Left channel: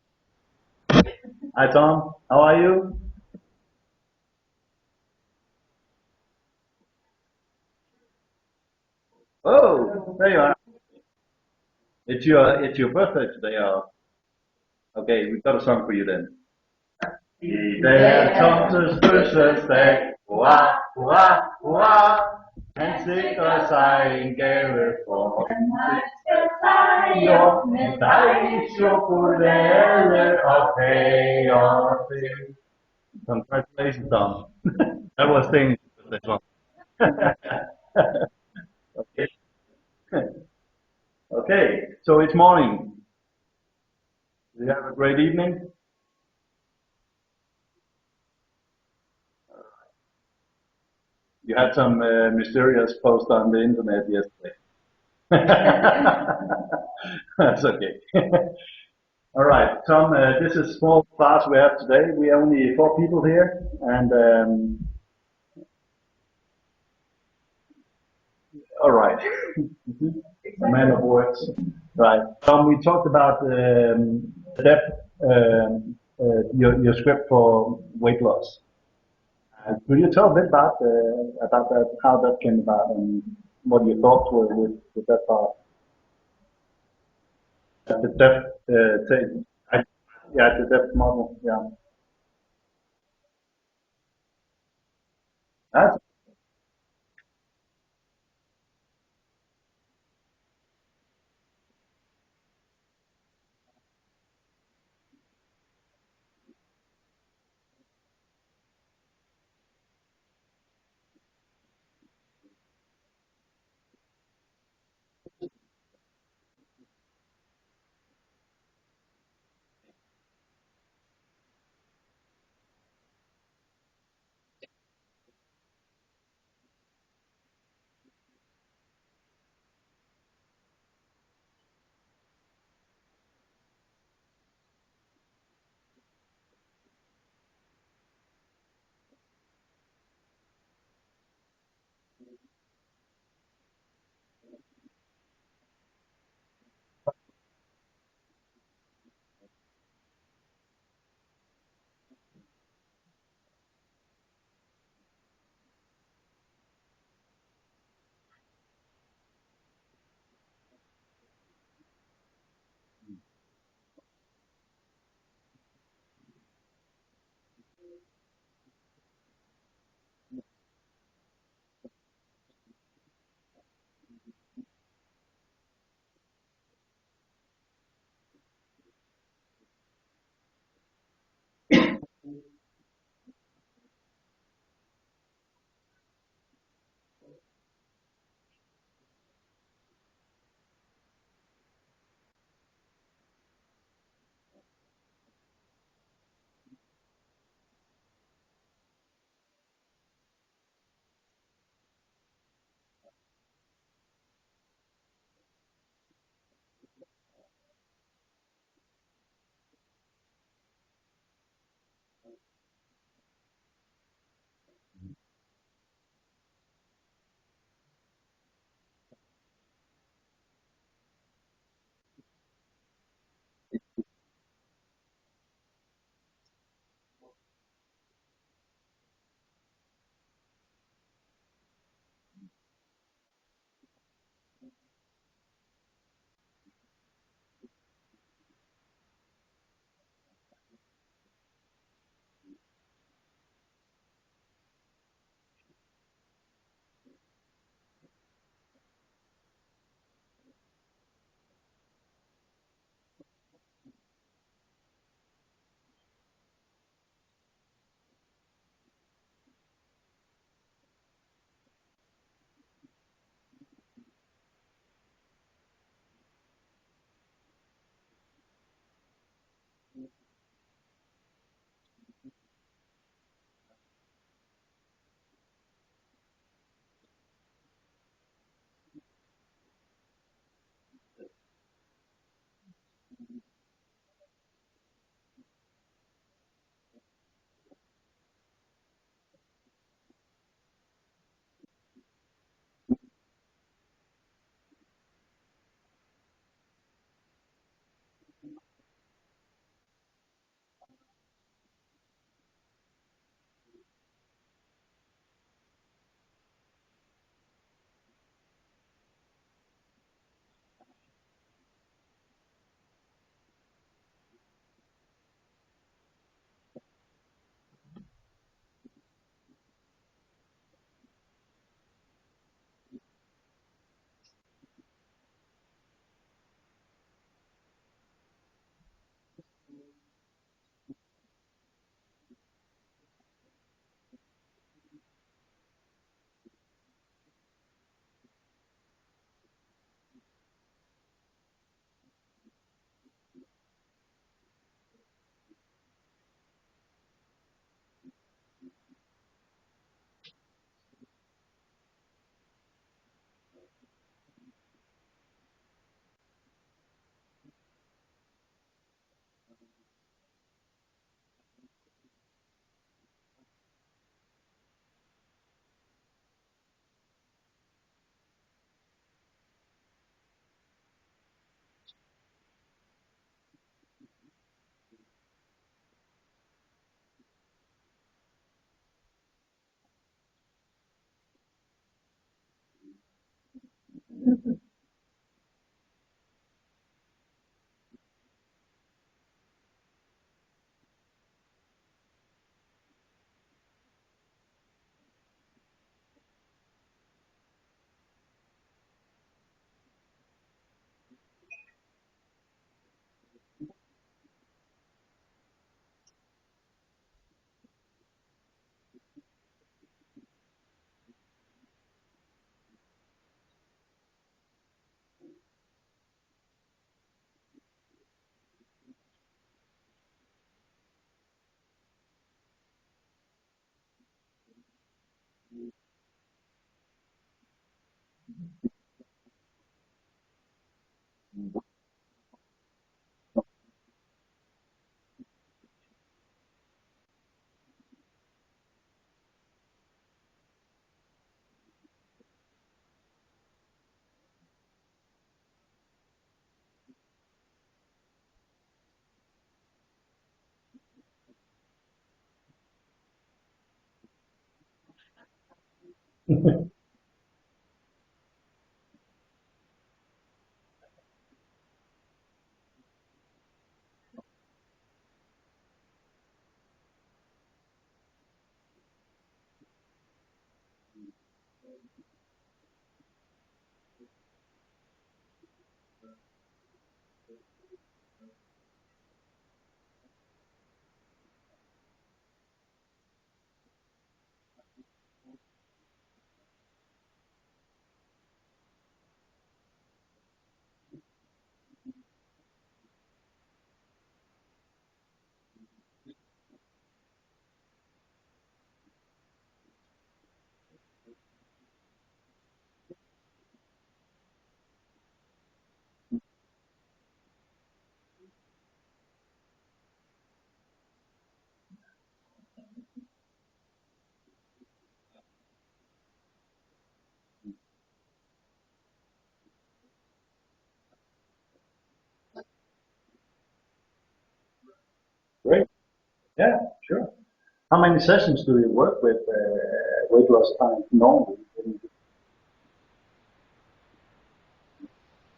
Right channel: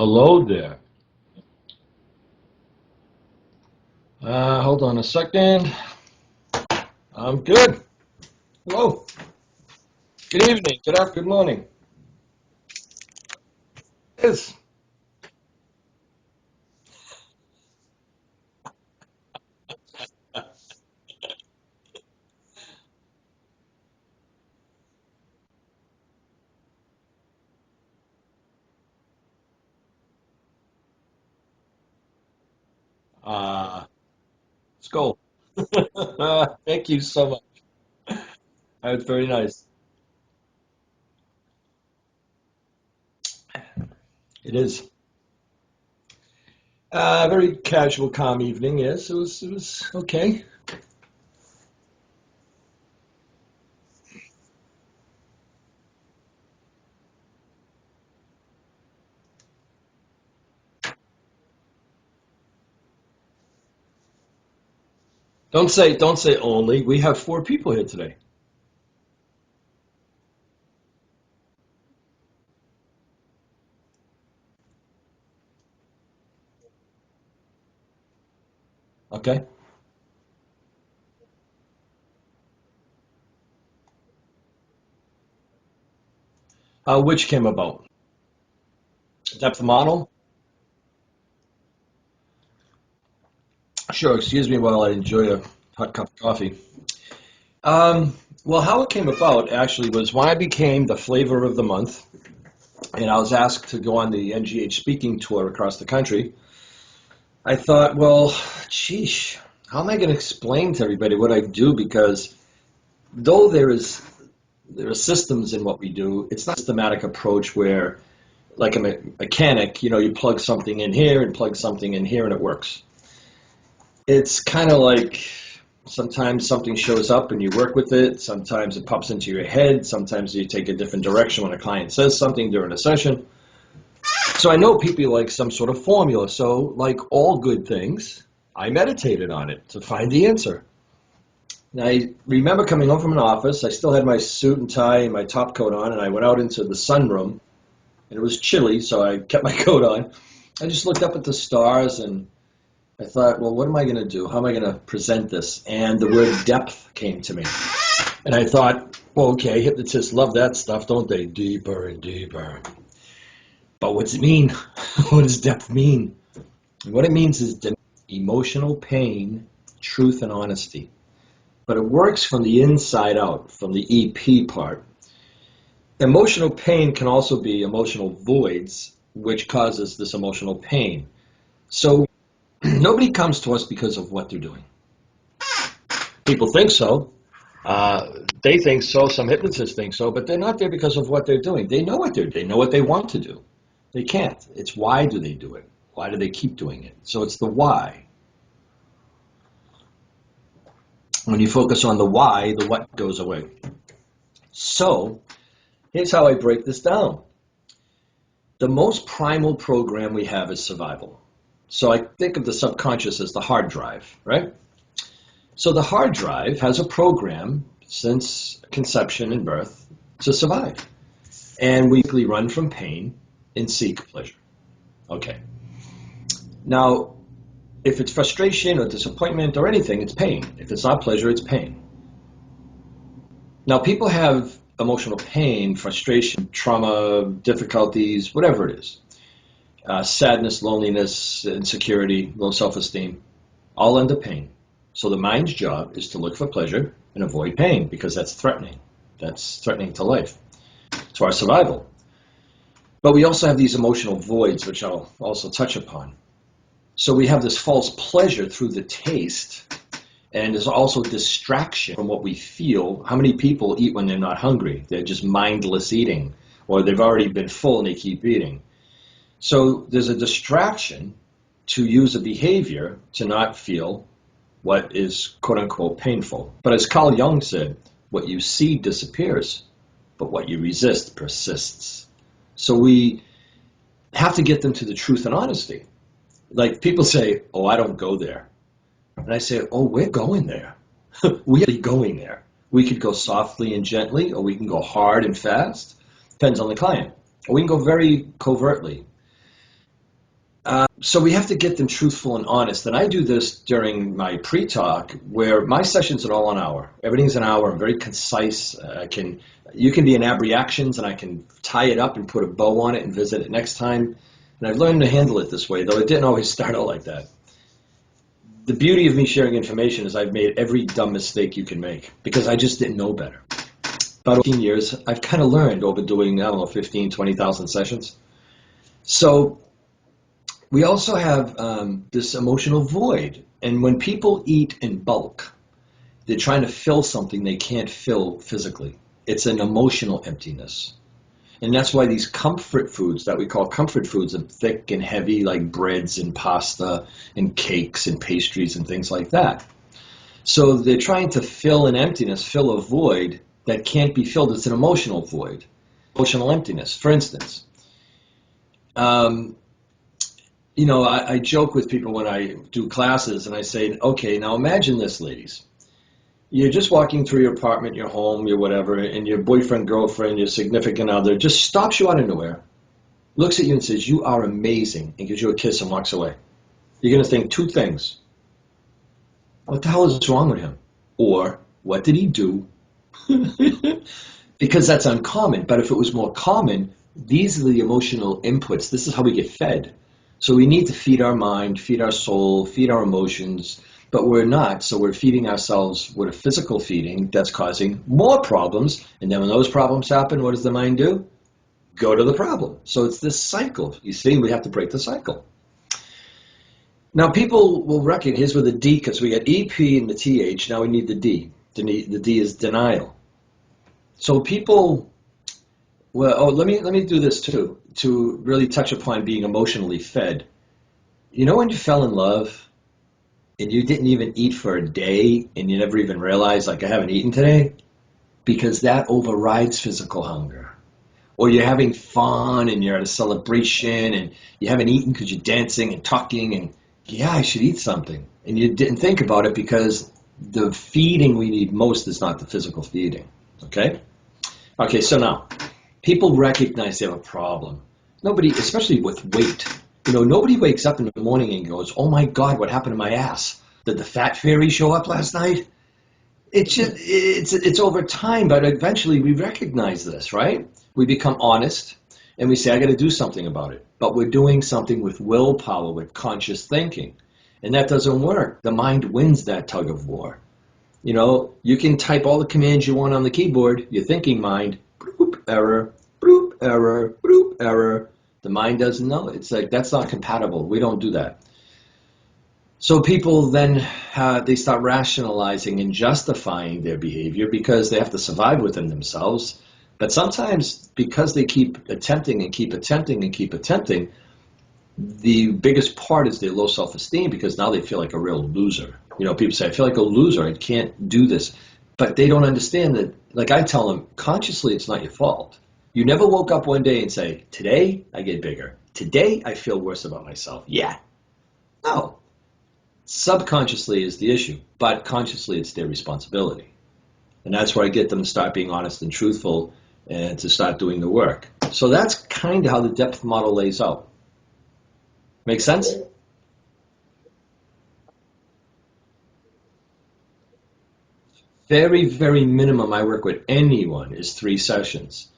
Hello there. Hi Tom, how are you? Hold on a second. I'm good. Hello. Oh, there you Good are. evening. Good afternoon. Good morning. It's your birthday today. It is. Okay, we've got a song for you then. I dag Tomses fødselsdag, hurra, hurra, hurra. Han sikrer sig en gave for jo, med dejlig chokolade og kager til. Congratulations, Tom. Let's go. That was things. Thank you so much. That's very nice. Okay, so it's morning. It You is. have a great evening. Very casual, calm evening. Yes, it was okay. You had some mysterious post on the internet yesterday. That's okay. All right, Tom, this is a small class we have today. We are only 4 people here, and Don't say only. We have 4 people here today. all right. A man of words. Right, Tom, we talked about the depth, your script for weight loss. Okay. Could you tell a bit about that, how that came about, and what your thoughts were with that part? Which came about? The Depth model? Yeah, the depth model, yeah. Sure. Excuse me while I enjoy a hot cup of coffee. Well, how it came about actually was when I became the flavor of the month, and I was asked to go on the NGH speaking tour across the country. I thought, well, geesh, how am I going to explain to everybody what I do? Because though there are systems in what we do, it's not a systematic approach where, like a mechanic, you plug something in here and plug something in here and it works. It's kind of like sometimes something shows up and you work with it. Sometimes it pops into your head. Sometimes you take a different direction when a client says something during a session. So I know people like some sort of formula. So like all good things, I meditated on it to find the answer. And I remember coming home from an office. I still had my suit and tie and my top coat on, and I went out into the sunroom, and it was chilly, so I kept my coat on. I just looked up at the stars, and I thought, well, what am I going to do? How am I going to present this? And the word depth came to me. And I thought, well, okay, hypnotists love that stuff, don't they? Deeper and deeper. But what's it mean? What does depth mean? And what it means is emotional pain, truth, and honesty. But it works from the inside out, from the EP part. Emotional pain can also be emotional voids, which causes this emotional pain. So nobody comes to us because of what they're doing. People think so. They think so. Some hypnotists think so, but they're not there because of what they're doing. They know what they know what they want to do. They can't. It's why do they do it? Why do they keep doing it? So it's the why. When you focus on the why, the what goes away. So here's how I break this down. The most primal program we have is survival. So I think of the subconscious as the hard drive, right? So the hard drive has a program since conception and birth to survive. And we run from pain and seek pleasure. Okay. Now, if it's frustration or disappointment or anything, it's pain. If it's not pleasure, it's pain. Now, people have emotional pain, frustration, trauma, difficulties, whatever it is. Sadness, loneliness, insecurity, low self-esteem, all under pain. So the mind's job is to look for pleasure and avoid pain because that's threatening. That's threatening to life, to our survival. But we also have these emotional voids, which I'll also touch upon. So we have this false pleasure through the taste, and there's also distraction from what we feel. How many people eat when they're not hungry? They're just mindless eating, or they've already been full and they keep eating. So there's a distraction to use a behavior to not feel what is quote-unquote painful. But as Carl Jung said, what you see disappears, but what you resist persists. So we have to get them to the truth and honesty. Like people say, oh, I don't go there. And I say, oh, we're going there. We're going there. We could go softly and gently, or we can go hard and fast. Depends on the client. Or we can go very covertly. So we have to get them truthful and honest. And I do this during my pre-talk, where my sessions are all an hour. Everything's an hour. I'm very concise. You can be in ab reactions, and I can tie it up and put a bow on it and visit it next time. And I've learned to handle it this way, though it didn't always start out like that. The beauty of me sharing information is I've made every dumb mistake you can make because I just didn't know better. About 15 years, I've kind of learned over doing, I don't know, 15, 20,000 sessions. So we also have this emotional void. And when people eat in bulk, they're trying to fill something they can't fill physically. It's an emotional emptiness. And that's why these comfort foods that we call comfort foods are thick and heavy, like breads and pasta and cakes and pastries and things like that. So they're trying to fill an emptiness, fill a void that can't be filled. It's an emotional void, emotional emptiness. For instance, I joke with people when I do classes and I say, okay, now imagine this, ladies. You're just walking through your apartment, your home, your whatever, and your boyfriend, girlfriend, your significant other just stops you out of nowhere, looks at you and says, you are amazing, and gives you a kiss and walks away. You're going to think two things. What the hell is wrong with him? Or, what did he do? Because that's uncommon. But if it was more common, these are the emotional inputs. This is how we get fed. So we need to feed our mind, feed our soul, feed our emotions, but we're not. So we're feeding ourselves with a physical feeding that's causing more problems. And then when those problems happen, what does the mind do? Go to the problem. So it's this cycle. You see, we have to break the cycle. Now people will reckon, here's with the D, because we got EP and the TH, now we need the D. The D is denial. So people, let me do this too, to really touch upon being emotionally fed. You know when you fell in love and you didn't even eat for a day and you never even realized, like, I haven't eaten today? Because that overrides physical hunger. Or you're having fun and you're at a celebration and you haven't eaten because you're dancing and talking and, yeah, I should eat something. And you didn't think about it because the feeding we need most is not the physical feeding. Okay? Okay, so now, people recognize they have a problem. Nobody, especially with weight, nobody wakes up in the morning and goes, oh my God, what happened to my ass? Did the fat fairy show up last night? It's over time, but eventually we recognize this, right? We become honest and we say, I got to do something about it. But we're doing something with willpower, with conscious thinking. And that doesn't work. The mind wins that tug of war. You can type all the commands you want on the keyboard, your thinking mind, bloop, error, bloop, error, bloop, error. The mind doesn't know. It's like, that's not compatible. We don't do that. So people then, they start rationalizing and justifying their behavior because they have to survive within themselves. But sometimes because they keep attempting and keep attempting and keep attempting, the biggest part is their low self-esteem because now they feel like a real loser. People say, I feel like a loser. I can't do this. But they don't understand that, like I tell them, consciously, it's not your fault. You never woke up one day and say, today I get bigger. Today I feel worse about myself. Yeah. No. Subconsciously is the issue, but consciously it's their responsibility. And that's where I get them to start being honest and truthful and to start doing the work. So that's kind of how the depth model lays out. Make sense? Yeah, sure. How many sessions do you work with weight loss time normally? Very, very minimum I work with anyone is 3 sessions.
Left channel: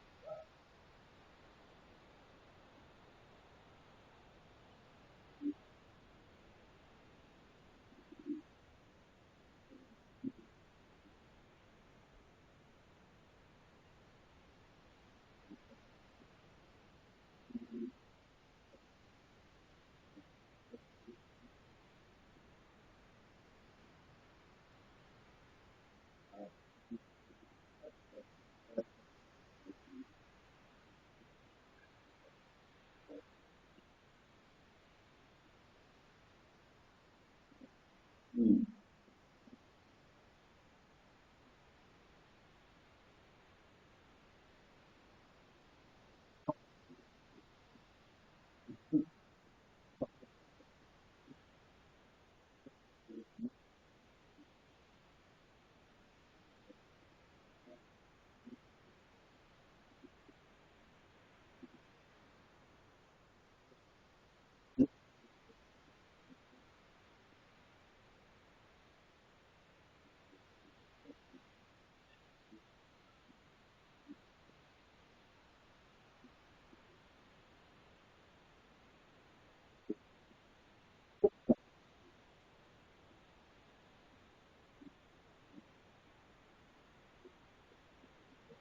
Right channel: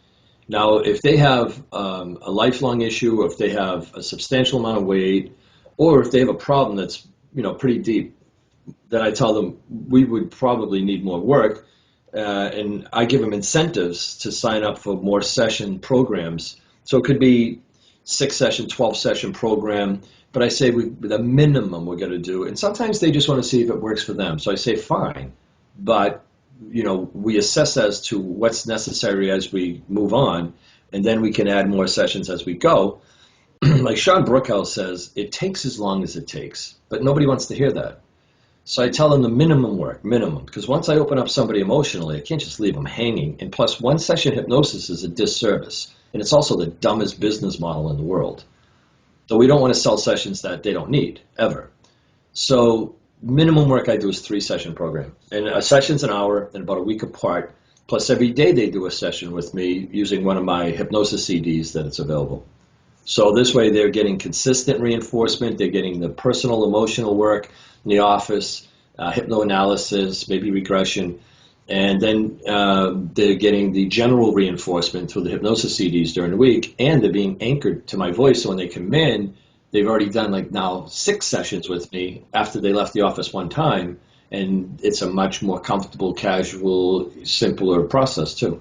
Now, if they have a lifelong issue, or if they have a substantial amount of weight, or if they have a problem that's pretty deep, then I tell them we would probably need more work, and I give them incentives to sign up for more session programs. So it could be 6-session, 12-session program, but I say the minimum we're going to do, and sometimes they just want to see if it works for them. So I say fine, but we assess as to what's necessary as we move on, and then we can add more sessions as we go. Like Sean Brookhouse says, it takes as long as it takes, but nobody wants to hear that. So I tell them the minimum work, because once I open up somebody emotionally, I can't just leave them hanging. And plus, one session hypnosis is a disservice, and it's also the dumbest business model in the world. So we don't want to sell sessions that they don't need, ever. So minimum work I do is 3-session program. And a session's an hour and about a week apart. Plus every day they do a session with me using one of my hypnosis CDs that it's available. So this way they're getting consistent reinforcement, they're getting the personal emotional work in the office, hypnoanalysis, maybe regression, and then they're getting the general reinforcement through the hypnosis CDs during the week, and they're being anchored to my voice. So when they come in, they've already done like now 6 sessions with me after they left the office one time, and it's a much more comfortable, casual, simpler process too.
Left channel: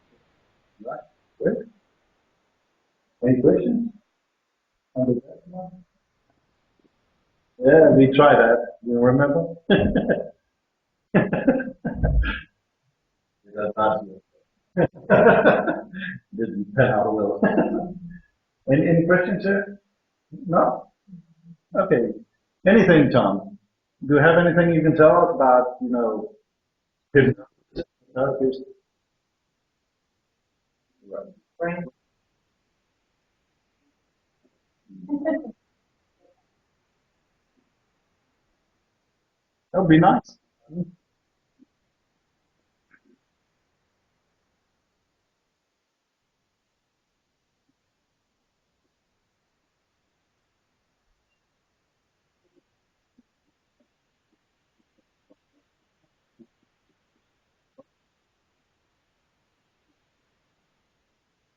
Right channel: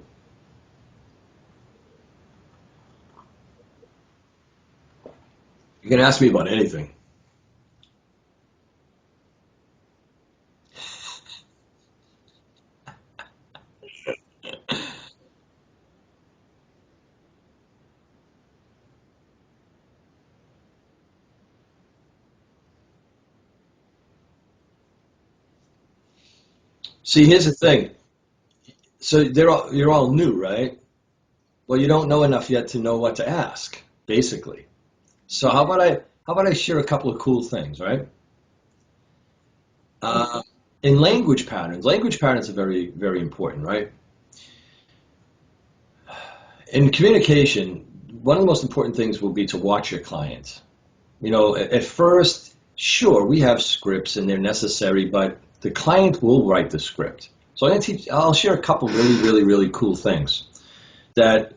Right. Good. Any questions? You can ask me about anything. Yeah, we tried that. You remember? Yeah, not good. Didn't pan out well. Any questions, sir? No? Okay. Anything, Tom? Do you have anything you can tell us about, See, here's the thing. Okay. So you're all new, right? Well, you don't know enough yet to know what to ask, basically. So how about I share a couple of cool things, right? That would be nice. In language patterns are very, very important, right? In communication, one of the most important things will be to watch your clients. At first, sure, we have scripts and they're necessary, but the client will write the script. So I'll share a couple really, really, really cool things that,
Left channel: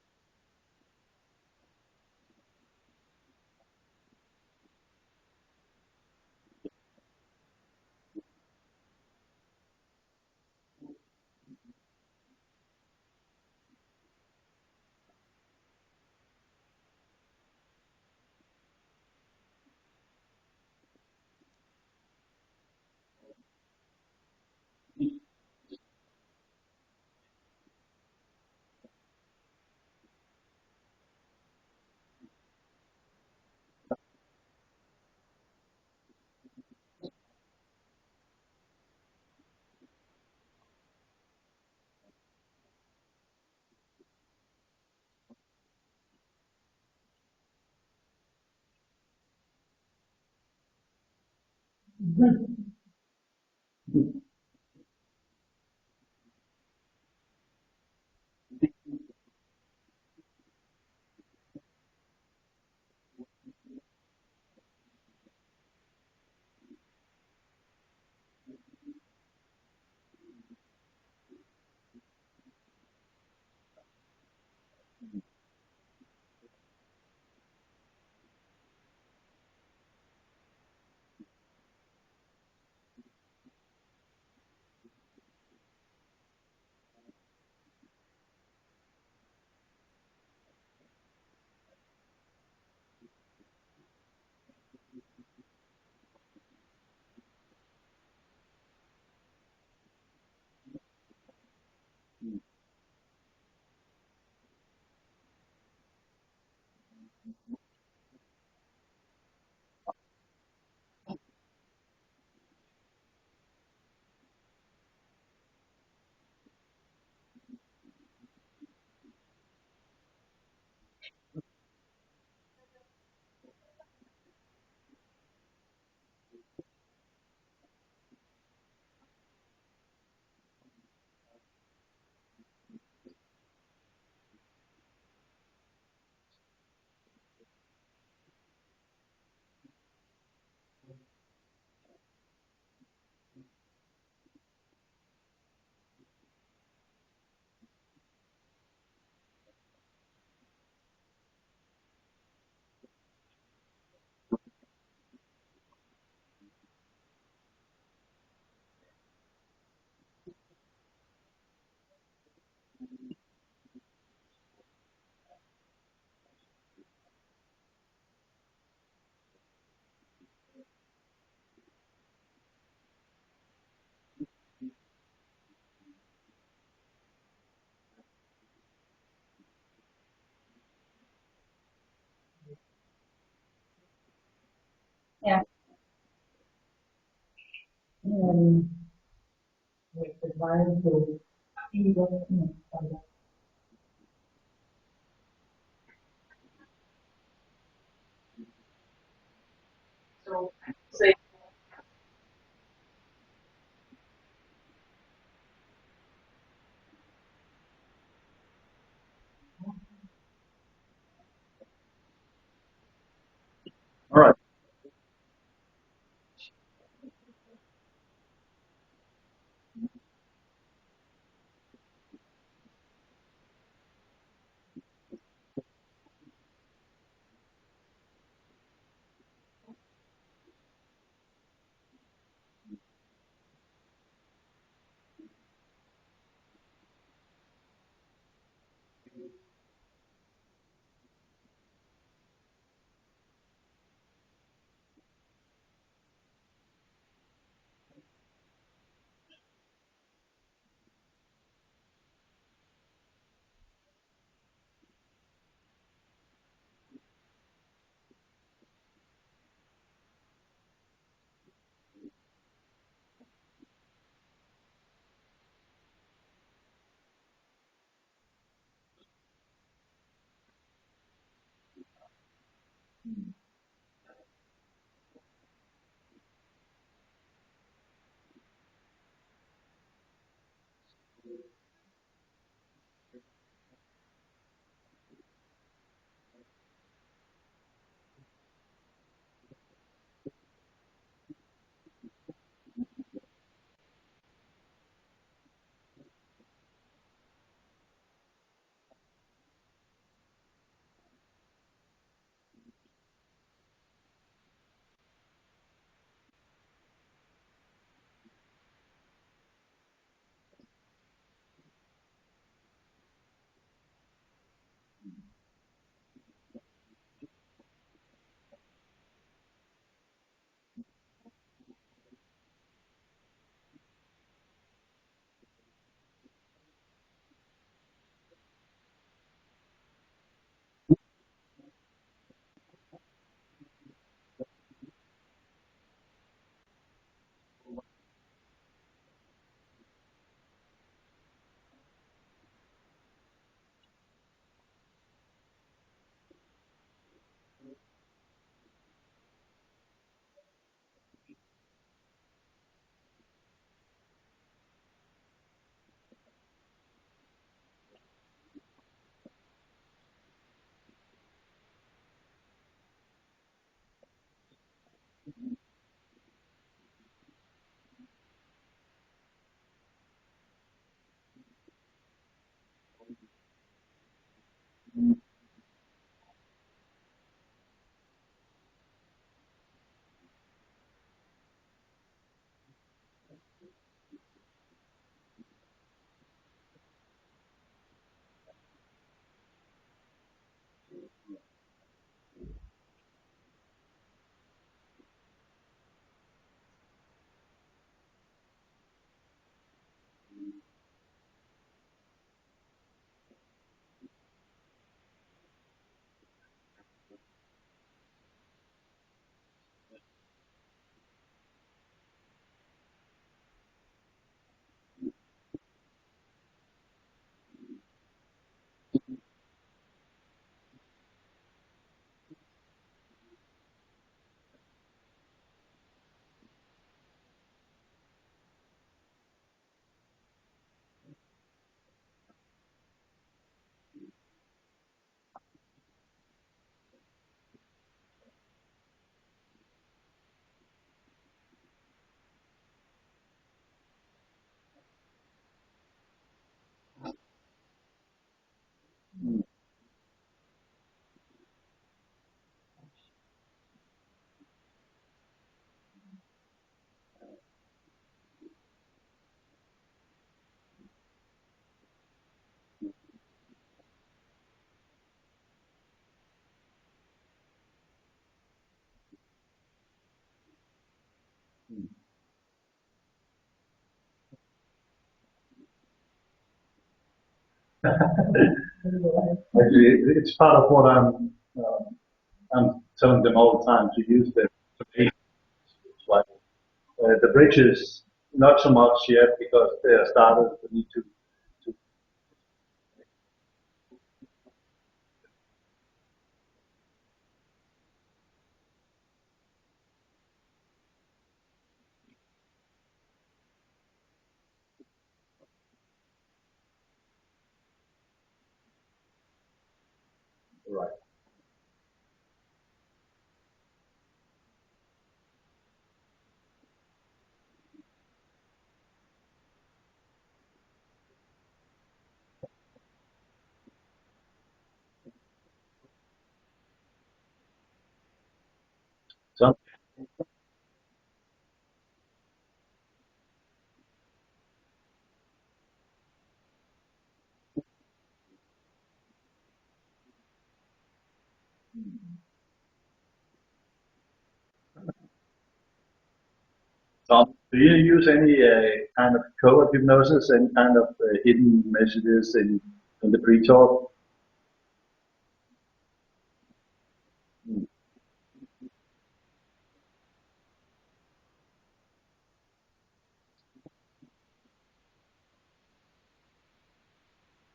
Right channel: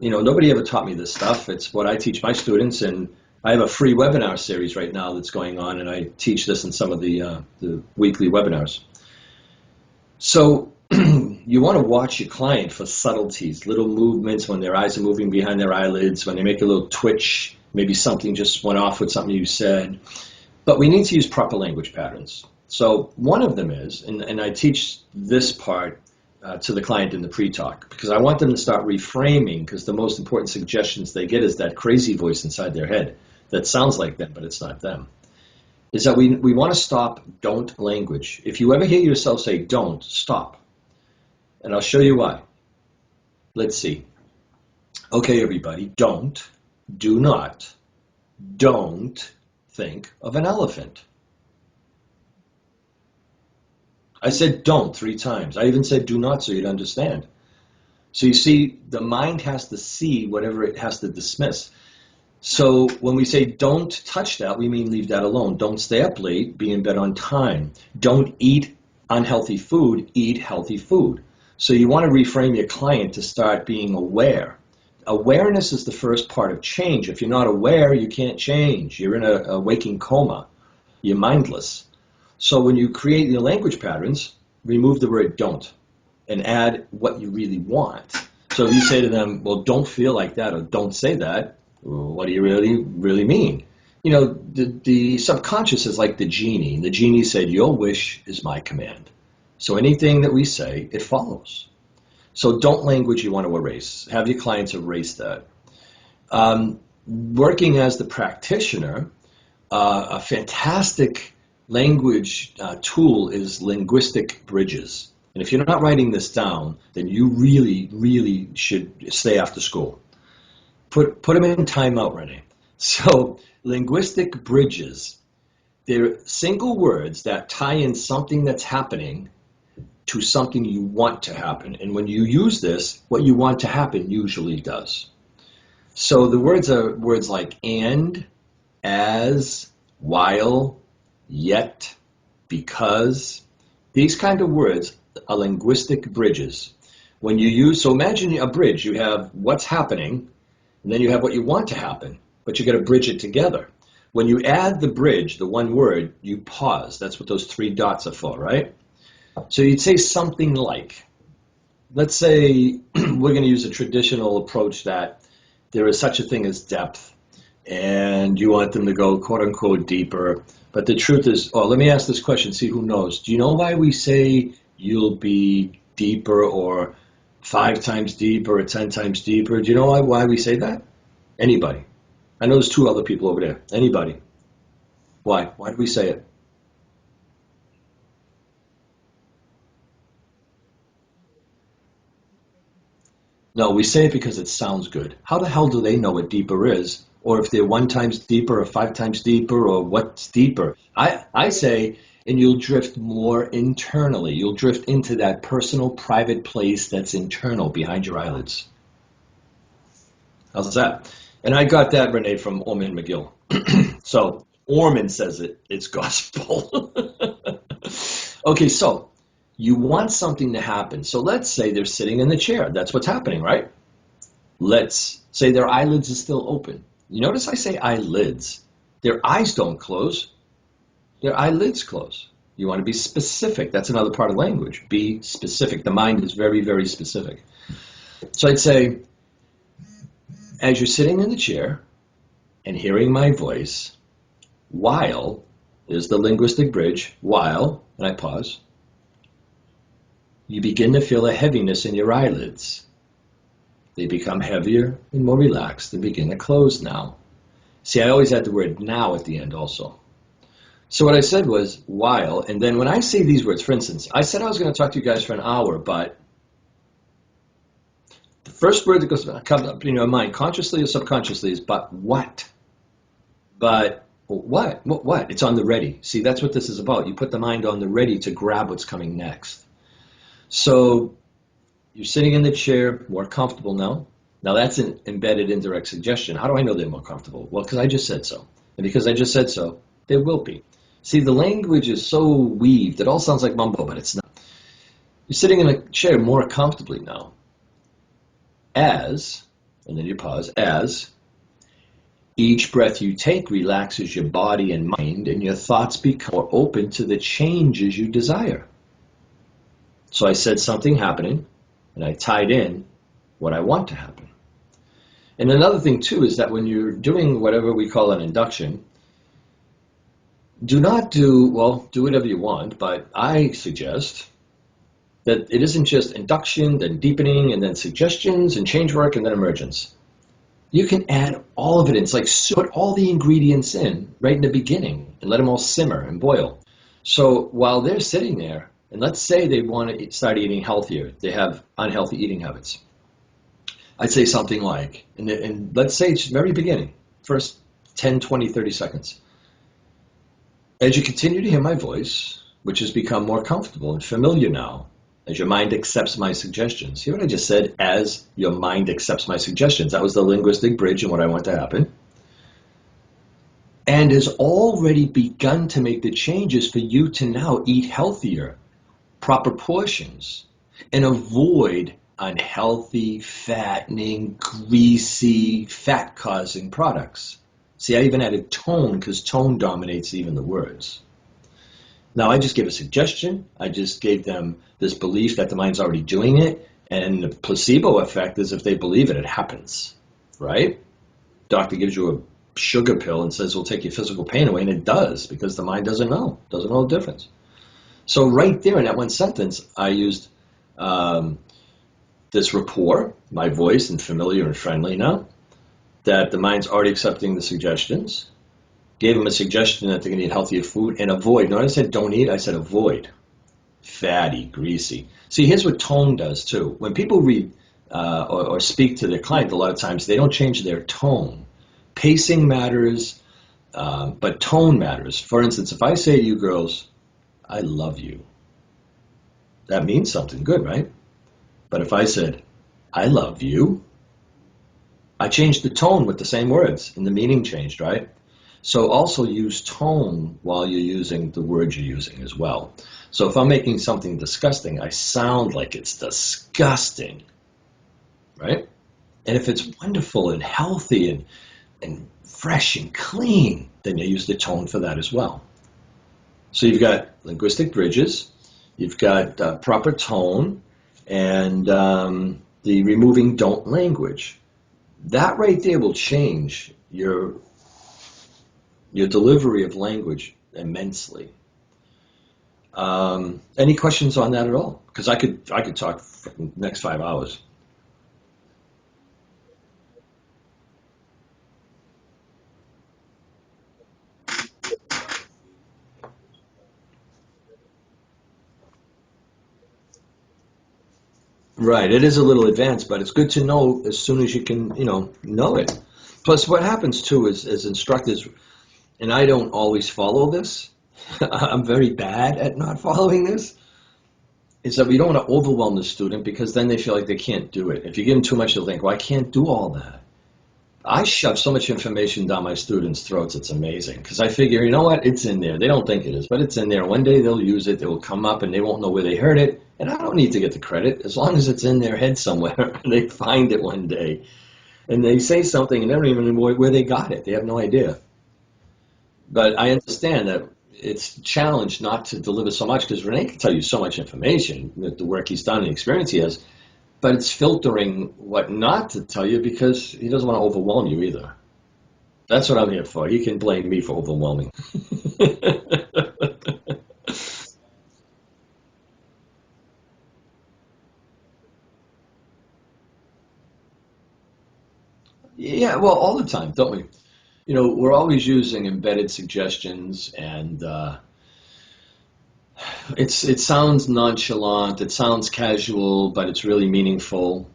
nobody ever taught me this stuff. It's what I teach my students, and I have a free webinar series right now that's going on, and I teach this in some of the weekly webinars. So you want to watch your client for subtleties, little movements when their eyes are moving behind their eyelids, when they make a little twitch, maybe something just went off with something you said. But we need to use proper language patterns. So one of them is, and I teach this part to the client in the pre-talk, because I want them to start reframing, because the most important suggestions they get is that crazy voice inside their head that sounds like them, but it's not them. Is that we want to stop don't language. If you ever hear yourself say don't, stop. And I'll show you why. Let's see. Okay, everybody, do not, don't think of an elephant. I said don't 3 times. I even said do not so you'd understand. So you see, the mind has to see whatever it has to dismiss. So when we say don't touch that, we mean leave that alone. Don't stay up late, be in bed on time. Don't eat unhealthy food, eat healthy food. So you want to reframe your client to start being aware. Awareness is the first part of change. If you're not aware, you can't change. You're in a waking coma. You're mindless. So when you create your language patterns, remove the word don't and add what you really want. So if you say to them, well, don't feel like that, or don't say that, well, what do you really mean? The subconscious is like the genie. And the genie said, your wish is my command. So anything that we say, it follows. So don't language you want to erase. Have your clients erase that. Working as the practitioner, a fantastic language tool is linguistic bridges. And if you're not writing this down, then you really, really should stay after school. Put them in timeout, Rene. So linguistic bridges, they're single words that tie in something that's happening to something you want to happen. And when you use this, what you want to happen usually does. So the words are words like and, as, while, yet, because. These kind of words are linguistic bridges. When you use, so imagine a bridge, you have what's happening, and then you have what you want to happen, but you got to bridge it together. When you add the bridge, the one word, you pause. That's what those 3 dots are for, right? So you'd say something like, let's say we're going to use a traditional approach that there is such a thing as depth, and you want them to go quote unquote deeper. But the truth is, let me ask this question, see who knows. Do you know why we say you'll be deeper, or 5 times deeper, or 10 times deeper? Do you know why we say that? Anybody? I know there's 2 other people over there. Anybody? Yeah. Why? Why do we say it? No, we say it because it sounds good. How the hell do they know what deeper is? Or if they're 1 times deeper or 5 times deeper, or what's deeper? I say, and you'll drift more internally. You'll drift into that personal, private place that's internal behind your eyelids. How's that? And I got that, Rene, from Orman McGill. So Right. Orman says it, it's gospel. Okay, so you want something to happen. So let's say they're sitting in the chair. That's what's happening, right? Let's say their eyelids are still open. You notice I say eyelids. Their eyes don't close. Their eyelids close. You want to be specific. That's another part of language. Be specific. The mind is very, very specific. So I'd say, as you're sitting in the chair and hearing my voice, while is the linguistic bridge, while, and I pause, you begin to feel a heaviness in your eyelids. They become heavier and more relaxed and begin to close now. See, I always add the word now at the end also. So what I said was while, and then when I say these words, for instance, I said I was going to talk to you guys for an hour, but the first word that comes up in your mind, consciously or subconsciously, is but what? But what? What? It's on the ready. See, that's what this is about. You put the mind on the ready to grab what's coming next. So you're sitting in the chair, more comfortable now. Now that's an embedded indirect suggestion. How do I know they're more comfortable? Well, because I just said so. And because I just said so, they will be. See, the language is so weaved. It all sounds like mumbo, but it's not. You're sitting in a chair more comfortably now. As, and then you pause, as each breath you take relaxes your body and mind, and your thoughts become more open to the changes you desire. So I said something happening, and I tied in what I want to happen. And another thing, too, is that when you're doing whatever we call an induction, do not do, well, do whatever you want, but I suggest that it isn't just induction, then deepening, and then suggestions, and change work, and then emergence. You can add all of it in. It's like put all the ingredients in right in the beginning and let them all simmer and boil. So while they're sitting there, and let's say they want to start eating healthier, they have unhealthy eating habits. I'd say something like, and let's say it's very beginning, first 10, 20, 30 seconds. As you continue to hear my voice, which has become more comfortable and familiar now, as your mind accepts my suggestions. Hear what I just said? As your mind accepts my suggestions. That was the linguistic bridge and what I want to happen. And has already begun to make the changes for you to now eat healthier, proper portions, and avoid unhealthy, fattening, greasy, fat-causing products. See, I even added tone because tone dominates even the words. Now, I just gave a suggestion. I just gave them this belief that the mind's already doing it. And the placebo effect is if they believe it, it happens, right? Doctor gives you a sugar pill and says, we'll take your physical pain away. And it does because the mind doesn't know the difference. So right there in that one sentence, I used this rapport, my voice, and familiar and friendly now, that the mind's already accepting the suggestions. Gave them a suggestion that they're going to eat healthier food and avoid. Notice I said don't eat, I said avoid. Fatty, greasy. See, here's what tone does too. When people read or speak to their client, a lot of times they don't change their tone. Pacing matters, but tone matters. For instance, if I say to you girls, I love you, that means something good, right? But if I said, I love you, I changed the tone with the same words and the meaning changed, right? So also use tone while you're using the words you're using as well. So if I'm making something disgusting, I sound like it's disgusting, right? And if it's wonderful and healthy and fresh and clean, then you use the tone for that as well. So you've got linguistic bridges, you've got proper tone, and the removing don't language. That right there will change your delivery of language immensely. Any questions on that at all? Because I could talk for the next 5 hours. Actually, it's part of what I'm telling them all the time to use the like the bridges, not so much yet because they are started. We need to. Right, it is a little advanced, but it's good to know as soon as you can, know it. Plus, what happens too is, as instructors, and I don't always follow this. I'm very bad at not following this. Is that we don't want to overwhelm the student because then they feel like they can't do it. If you give them too much, they'll think, well, I can't do all that. I shove so much information down my students' throats, it's amazing. Because I figure, you know what, it's in there. They don't think it is, but it's in there. One day they'll use it, it will come up, and they won't know where they heard it. And I don't need to get the credit. As long as it's in their head somewhere, they find it one day. And they say something, and they don't even know where they got it. They have no idea. Well, But I understand that it's a challenge not to deliver so much, because Rene can tell you so much information with the work he's done and the experience he has, but it's filtering what not to tell you because he doesn't want to overwhelm you either. That's what I'm here for. He can blame me for overwhelming. Tom, do you use any kind of code hypnosis, any kind of hidden messages in the pre-talk? Yeah, well, all the time, don't we? You know, we're always using embedded suggestions, and it sounds nonchalant, it sounds casual, but it's really meaningful.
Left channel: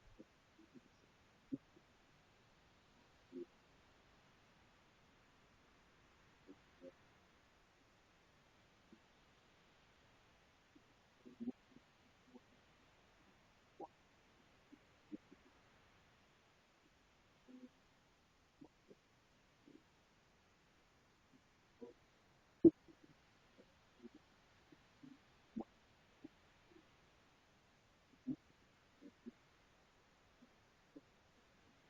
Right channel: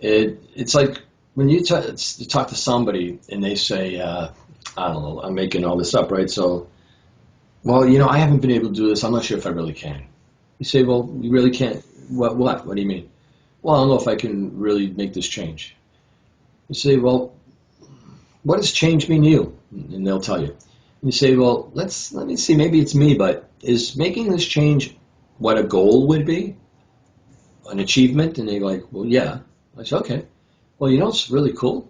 It's like when you talk to somebody and they say, I don't know, I'm making all this up, right? So, well, you know, I haven't been able to do this. I'm not sure if I really can. You say, well, you really can't. What? What? What do you mean? Well, I don't know if I can really make this change. You say, well, what does change mean to you? And they'll tell you. And you say, well, let me see. Maybe it's me, but is making this change what a goal would be, an achievement? And they're like, well, yeah. I say, okay. Well, you know what's really cool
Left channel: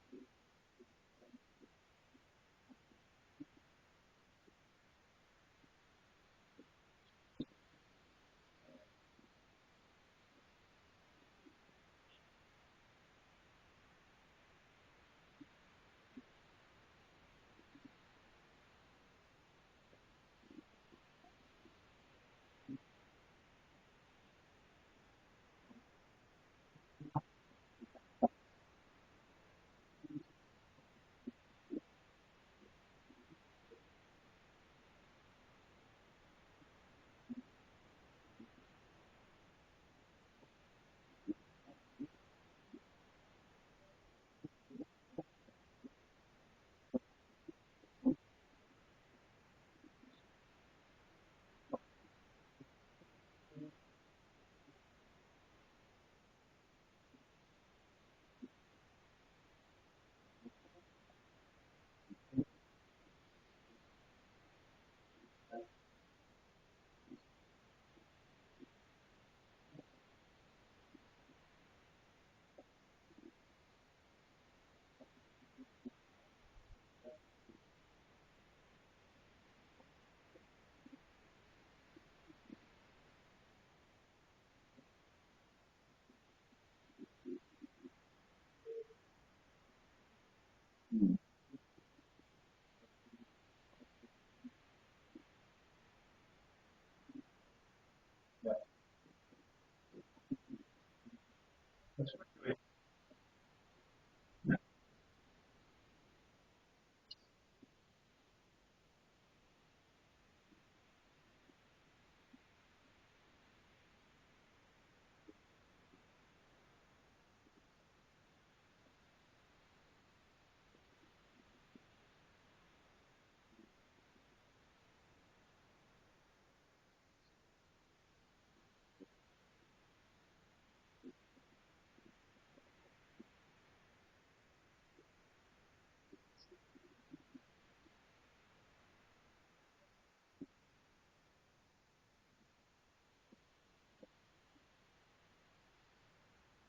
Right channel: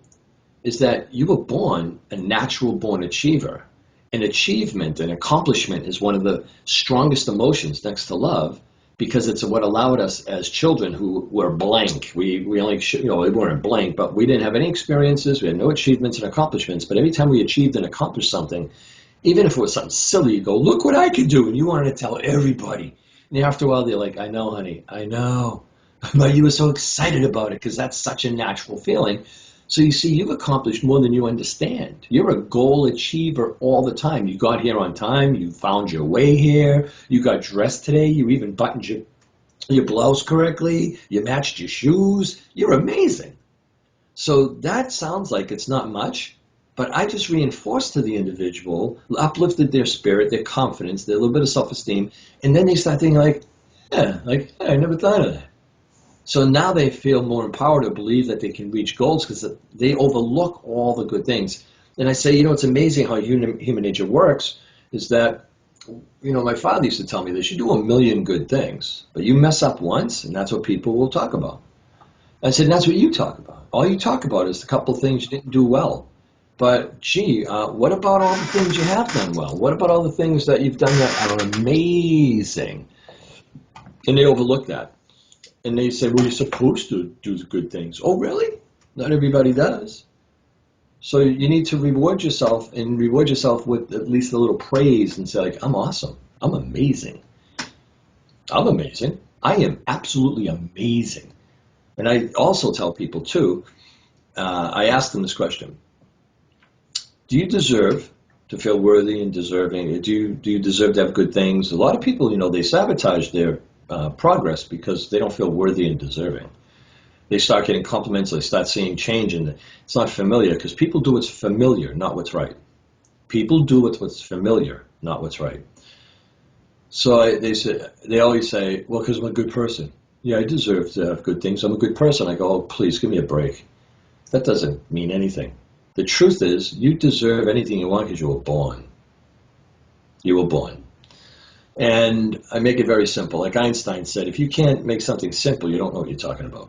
is that you were born a natural born achiever. And achievement and accomplishment is one of the strongest emotions next to love because it's what allowed us as children who were blank. We only, you know, we weren't blank, but we didn't have any experiences. We had no achievements and accomplishments. But every time we achieved and accomplished something, even if it was something silly, you go, look what I could do. And you wanted to tell everybody. And after a while, they're like, I know, honey, I know. But you were so excited about it because that's such a natural feeling. So you see, you've accomplished more than you understand. You're a goal achiever all the time. You got here on time. You found your way here. You got dressed today. You even buttoned your blouse correctly. You matched your shoes. You're amazing. So that sounds like it's not much, but I just reinforced to the individual, uplifted their spirit, their confidence, their little bit of self-esteem, and then they start thinking like, hey, I never thought of that. So now they feel more empowered to believe that they can reach goals because they overlook all the good things. And I say, you know, it's amazing how human nature works is that, you know, my father used to tell me this, you do a million good things, but you mess up once, and that's what people will talk about. I said, that's what you talk about. All you talk about is the couple of things you didn't do well. But gee, what about all the things you have done well? What about all the things that you've done that are amazing? And they overlook that. And they say, well, you're supposed to do the good things. Oh, really? Not everybody does. So you need to reward yourself and reward yourself with at least a little praise and say, like, I'm awesome. I'm amazing. I'm amazing. I am absolutely amazing. And I also tell people, too, I ask them this question. Do you deserve to feel worthy and deserving? Do you deserve to have good things? A lot of people, you know, they sabotage their progress because they don't feel worthy and deserving. They start getting compliments, they start seeing change, and it's not familiar because people do what's familiar, not what's right. People do what's familiar, not what's right. So they always say, well, because I'm a good person. Yeah, I deserve to have good things. I'm a good person. I go, oh, please give me a break. That doesn't mean anything. The truth is, you deserve anything you want because you were born. You were born. And I make it very simple. Like Einstein said, if you can't make something simple, you don't know what you're talking about.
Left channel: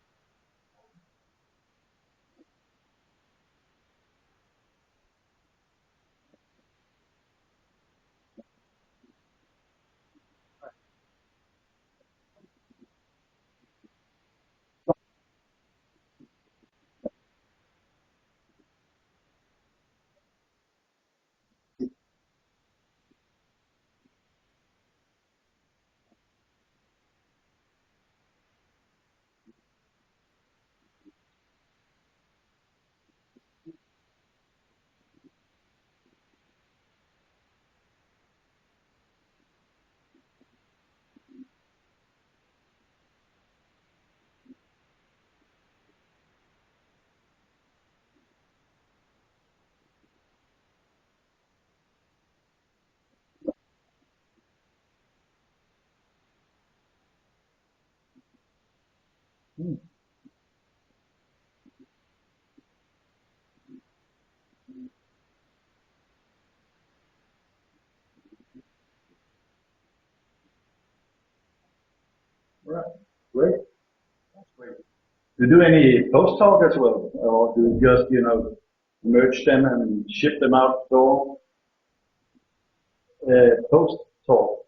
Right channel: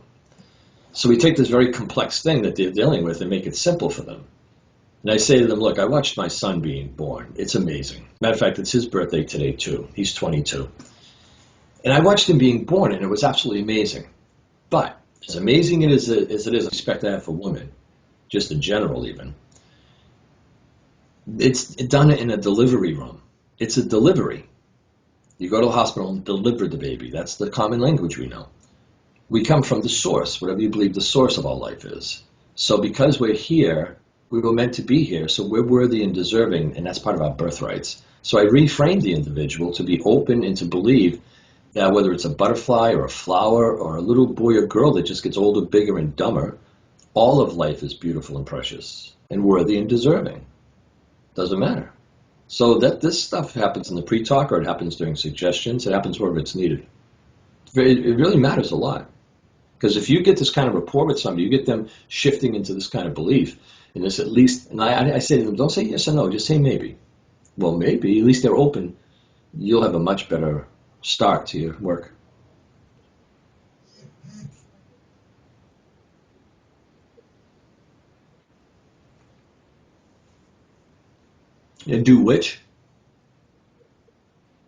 So we take this very complex thing that they're dealing with and make it simple for them. And I say to them, look, I watched my son being born. It's amazing. Matter of fact, it's his birthday today, too. He's 22. And I watched him being born, and it was absolutely amazing. But as amazing as it is, respect I have for women, just in general even, it's done in a delivery room. It's a delivery. You go to the hospital and deliver the baby. That's the common language we know. We come from the source, whatever you believe the source of all life is. So because we're here, we were meant to be here, so we're worthy and deserving, and that's part of our birthrights. So I reframe the individual to be open and to believe that whether it's a butterfly or a flower or a little boy or girl that just gets older, bigger, and dumber, all of life is beautiful and precious and worthy and deserving. Doesn't matter. So that this stuff happens in the pre-talk or it happens during suggestions, it happens wherever it's needed. It really matters a lot. Because if you get this kind of rapport with somebody, you get them shifting into this kind of belief, And this at least, and I say to them, don't say yes or no, just say maybe. Well, maybe, at least they're open. You'll have a much better start to your work. Right. Great. Do you do any post talk as well, or do you just merge them and ship them out the door? And do which? Post talk.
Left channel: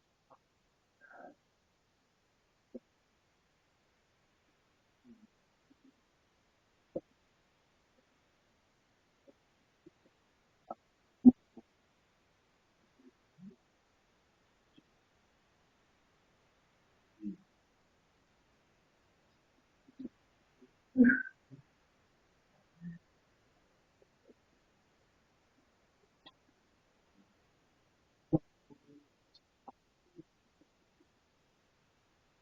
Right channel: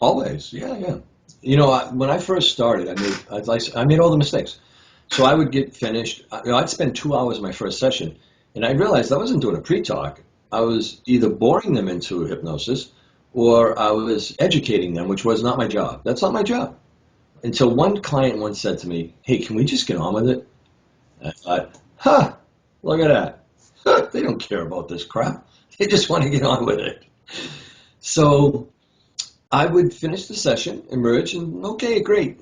Always, yeah. You know, when I first started, I made all the mistakes. So I would get finished. I'd spend 2 hours in my first session, and I realized I wasn't doing a pre-talk. I was either boring them into hypnosis, or I was educating them, which was not my job. That's not my job. Until one client once said to me, "Hey, can we just get on with it?" And I thought, look at that. They don't care about this crap. They just want to get on with it. So I would finish the session, emerge, and okay, great.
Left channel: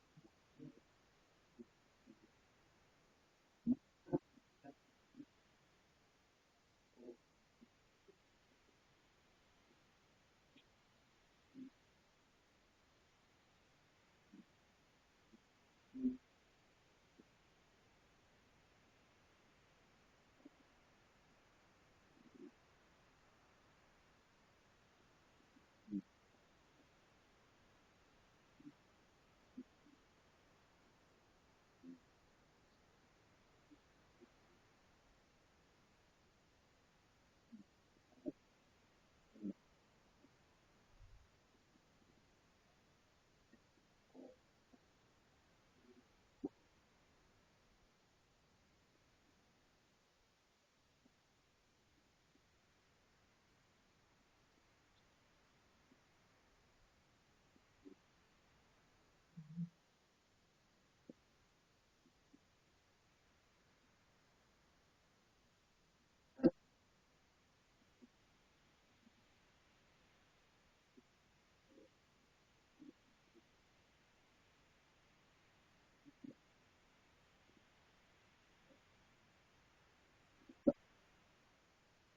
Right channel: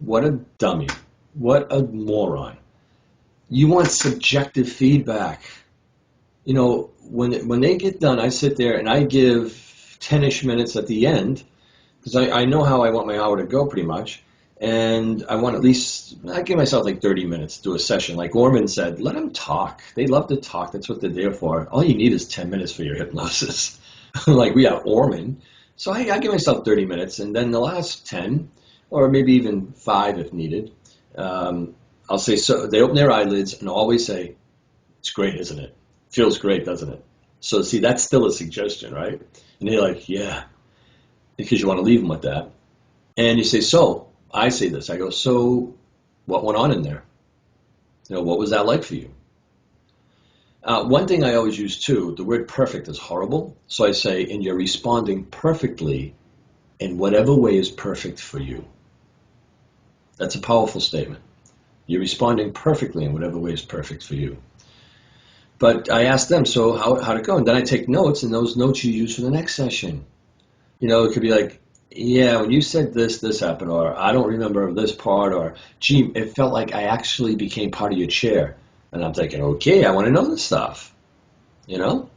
What a dummy. What a moron. You want subjective feedback. You know, when they get done, I sit there and I give 10-ish minutes at the end because I know how I want my hour to go pretty much. And I want at least, I give myself like 30 minutes to do a session. Like Orman said, let them talk. They love to talk. That's what they're there for. All you need is 10 minutes for your hypnosis. Like we have Orman. So I give myself 30 minutes, and then the last 10, or maybe even 5 if needed, I'll say, so they open their eyelids and always say, it's great, isn't it? Feels great, doesn't it? So see, that's still a suggestion, right? And they're like, yeah, because you want to leave them with that. And you say, so I say this, I go, so what went on in there? You know, what was that like for you? One thing I always use too, the word perfect is horrible. So I say, and you're responding perfectly in whatever way is perfect for you. That's a powerful statement. You're responding perfectly in whatever way is perfect for you. But I ask them, so how'd it go? And then I take notes, and those notes you use for the next session. You know, it could be like, yeah, when you said this, this happened, or I don't remember this part, or gee, it felt like I actually became part of your chair. And I'm thinking, okay, I want to know this stuff, you know?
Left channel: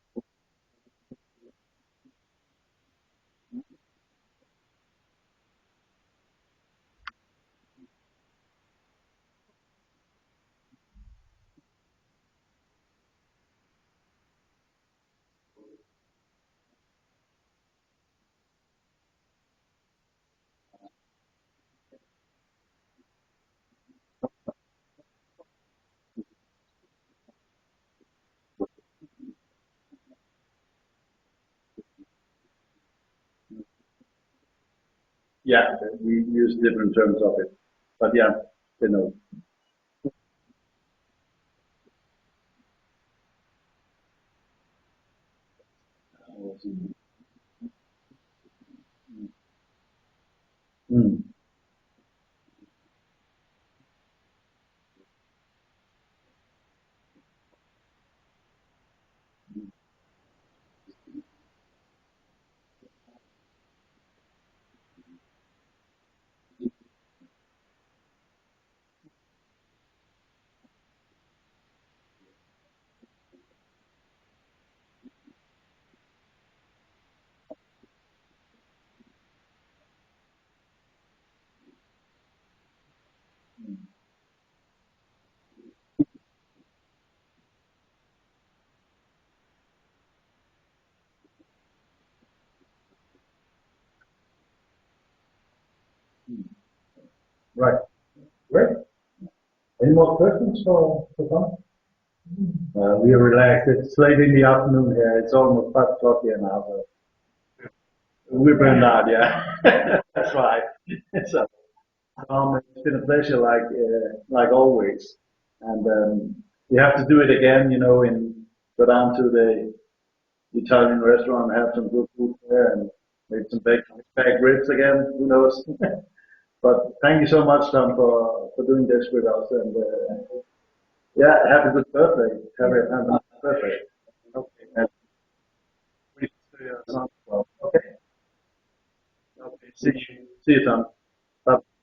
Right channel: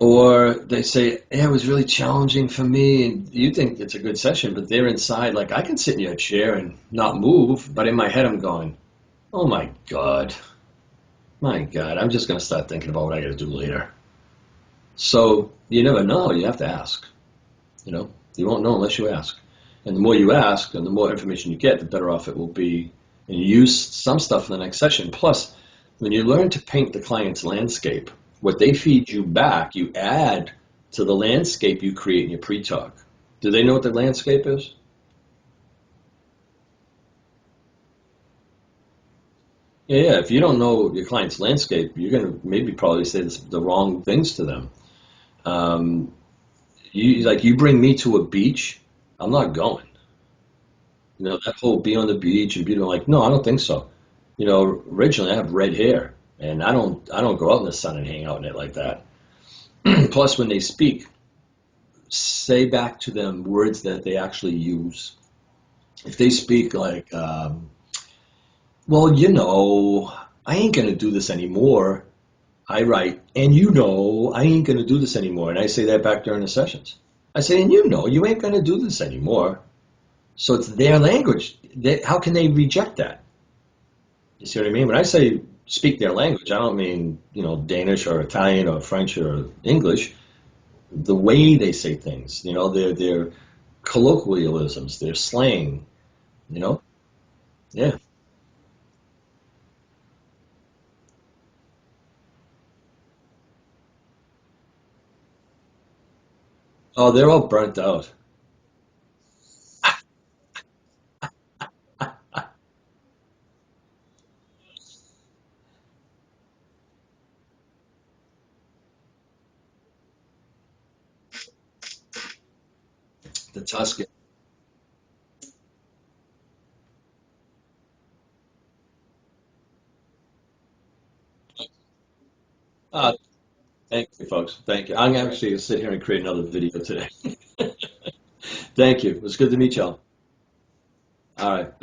Or they say, yeah, it was really challenging for me, and you think it's a good session, but they're inside, like, I can sit in your chair and not move, but in my head I'm going, oh my God, I'm just going to start thinking about what I got to do later. So you never know, you have to ask, you know? You won't know unless you ask. And the more you ask and the more information you get, the better off it will be. And you use some stuff in the next session. Plus, when you learn to paint the client's landscape, what they feed you back, you add to the landscape you create in your pre-talk. Do they know what the landscape is? Yeah, we use different terms of it, but yeah, they know. Yeah. If you don't know your client's landscape, you're going to maybe probably say the wrong things to them. You bring me to a beach, I'm not going. Mm. You know, that whole be on the beach and be like, no, I don't think so. You know, originally I have red hair, and I don't go out in the sun and hang out in it like that. Plus, when they speak, say back to them words that they actually use. If they speak like, well, you know, I ain't gonna do this anymore. I write, and you know, I ain't gonna do this anymore. And I say that back during the sessions. I say, and you know, you ain't gonna do this anymore. So it's their language. How can they reject that? You see what I mean? When I say speak their language, I don't mean, you know, Danish or Italian or French or English. The way they say things, you know, their colloquialisms, their slang, you know? Right. Yeah. Great. Any more questions for Tom? We are relaxed. It's late in the afternoon here. It's almost 5 o'clock here now. So Oh, they're all burnt out. we're burned out, yeah. That's right. So, it's been a pleasure, like always. And we have to do it again, and go down to the Italian restaurant and have some good food there and maybe some The Tuscan. baked ribs again. Who knows? But thank you so much, Tom, for doing this with us. And yeah, have a good birthday. Have a Uh, nice birthday. Thank you, folks. Thank you. I'm actually going to sit here and create another video today. Okay. Thank you. It was good to meet See y'all. you. See you, Tom. All Bye. right.